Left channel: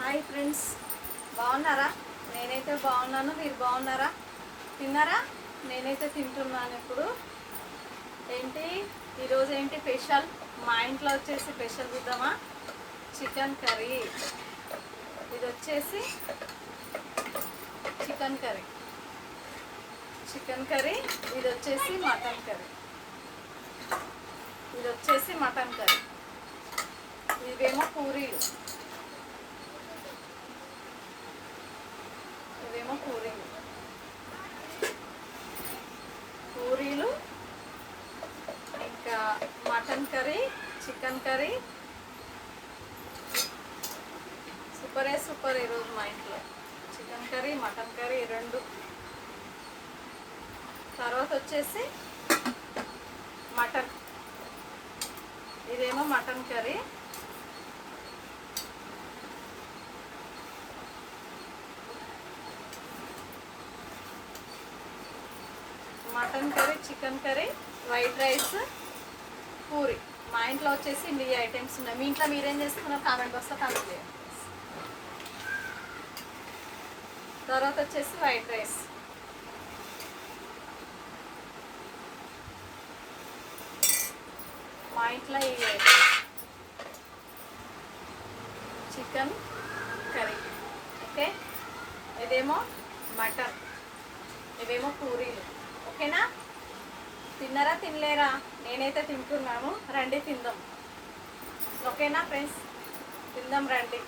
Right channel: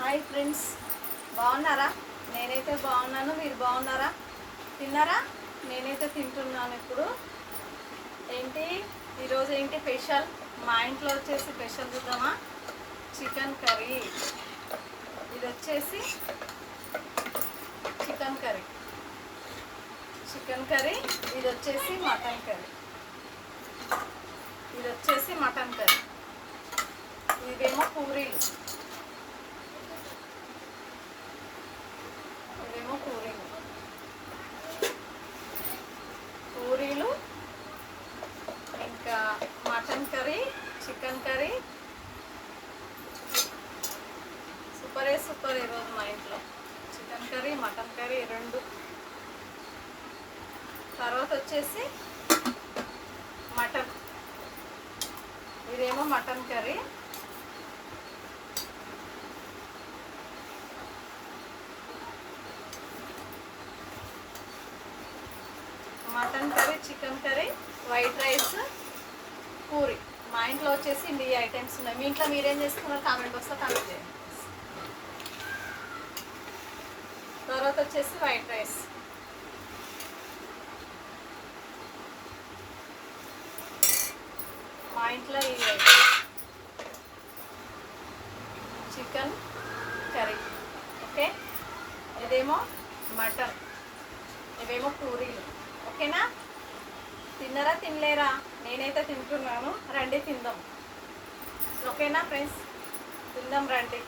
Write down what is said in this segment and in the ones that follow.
Hi friends, బాగున్నారా? నేనైతే బాగున్నాను. మీరు బాగున్నారా? తిన్నారా? నేనైతే తింటున్నాను ఇప్పుడు. ఏంటి ఈరోజు ఏంటి స్పెషల్? మా ఇంట్లో వచ్చేసి స్పెషల్ చూద్దామా? Chicken curry. ఇది వచ్చేసి చికెన్ కర్రీ. ఇది వచ్చేసి మటన్ కర్రీ. ఇవేమో పూరీలు. పూరీలు ఇంకా mutton curry, chicken curry. Super ఈరోజు మా ఇంట్లో చికెన్ కర్రీ, మటన్ కర్రీ రెండు. తర్వాత వచ్చేసి మటన్. ఇదేమో mutton curry. Mutton curry, chicken curry, white rice, puri. మా ఇంట్లో వచ్చేసి ఈ ఐటమ్స్ ఉన్నాయి. మీ ఇంట్లో మీరేం చేస్తున్నారు? కామెంట్ బాక్స్లో కామెంట్ చేయండి. తర్వాత వచ్చేసి వైట్ రైస్. మా ఇంట్లో ఈ ఐటమ్స్. Chicken curry. ఓకే, ఇదేమో మటన్, ఇవేమో పూరీలు. ఓకేనా? తిన్నారా తినలేరా? నేనైతే తింటున్నాను. రండి తిందాం. ఓకేనా ఫ్రెండ్స్? తిందాం రండి.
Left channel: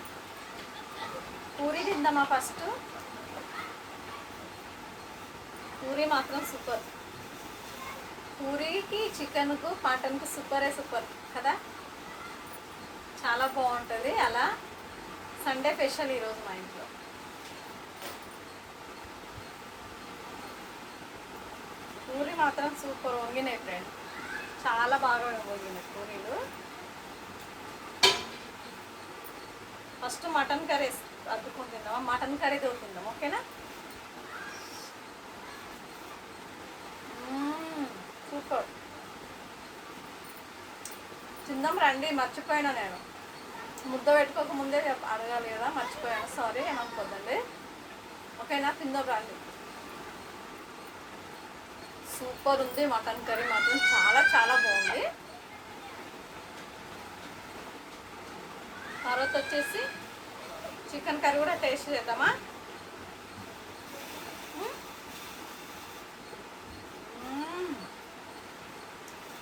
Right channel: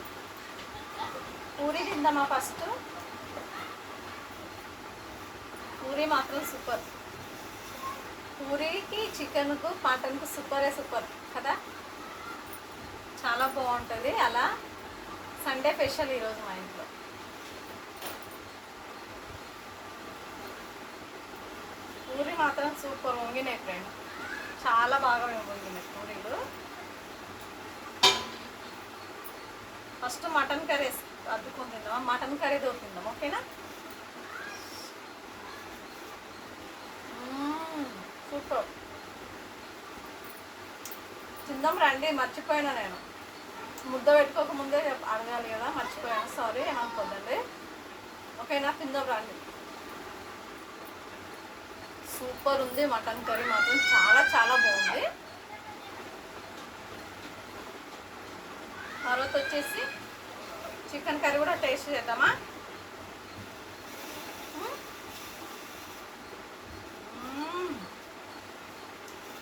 పూరి తిందామా ఫస్ట్? పూరి మాత్రం సూపర్. పూరీకి, చికెన్కు, మటన్కు సూపర్ కదా. చాలా బాగుంటుంది. అలా సండే స్పెషల్ ఈరోజు మా ఇంట్లో. పూరి మాత్రం సూపర్ వంగినాయి ఫ్రెండ్. చాలా బాగా వంగినాయి పూరీలు. ఫస్ట్ మటన్ కర్రీ అద్దుకొని తిందాం. మటన్ కర్రీ దొరికిందాం. ఓకేనా? సూపర్. తిందాం రండి. మర్చిపోయాను నేను, ముద్ద పెట్టుకోక ముందే అడగాలి కదా, మర్చిపోయాను. సారీ, ఏమనుకోద్దండి. ఓకేనా? తిందాం రండి. సూపర్ ఉంది. మటన్ కర్రీ మాత్రం చాలా బాగుంది. తర్వాత వచ్చేసి చికెన్ కర్రీ కూడా టేస్ట్ చేద్దామా?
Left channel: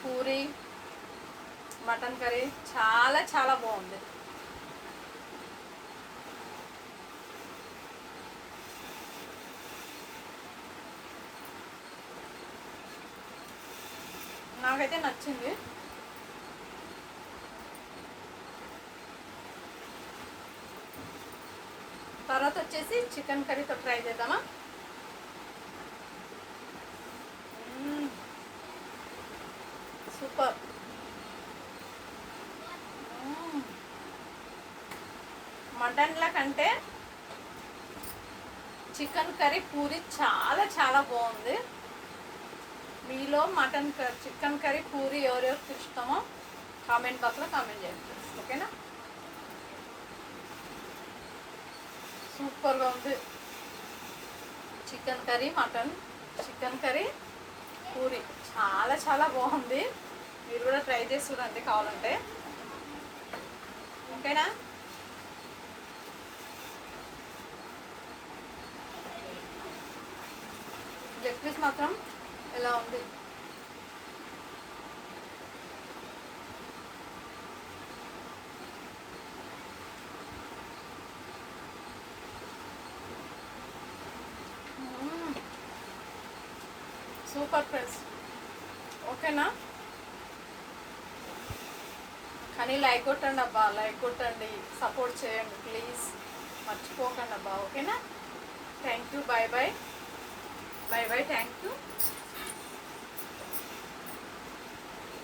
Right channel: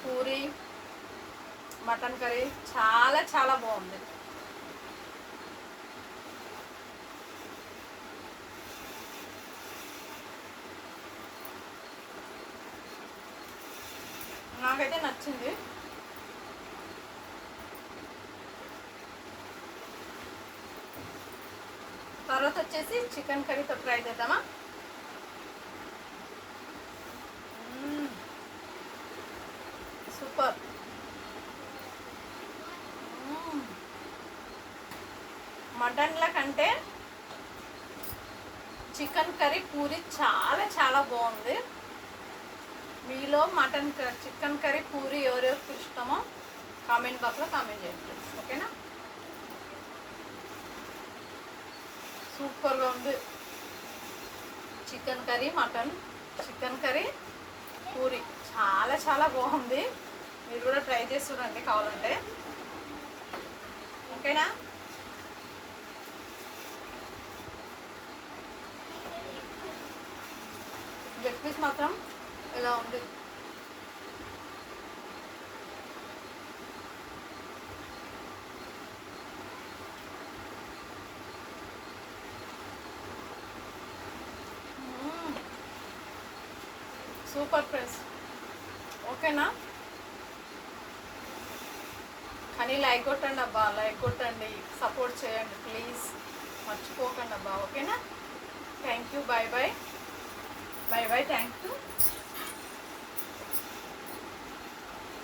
పూరి, మటన్ కర్రీ చాలా బాగుంది. నాకైతే నచ్చింది. తర్వాత వచ్చేసి చికెన్ కర్రీతో ట్రై చేద్దామా? సూపర్. మటన్ల కంటే చికెన్ కర్రీ, పూరి చాలా బాగుంది. మీలో చికెన్ కర్రీ, పూరి ఎవరెవరికి ఇష్టమో కామెంట్ బాక్స్లో కామెంట్ చేయండి. ఓకేనా? సూపర్గా ఉంది. Chicken curry, mutton, chicken curry, puri చాలా బాగుంది. మీరు కూడా ట్రై చేసి చూడండి కావాలంటే. ఓకేనా? లెగ్ పీస్ మాత్రం ఇలా ఉంది. Super friends. ఓకేనా? కానీ లైక్ కొట్టండి అబ్బా, లైక్ కొట్టండి, సపోర్ట్ చేయండి ప్లీజ్, మర్చిపోకండి అబ్బా. ఓకేనా? Thank you. Bye. Thank you.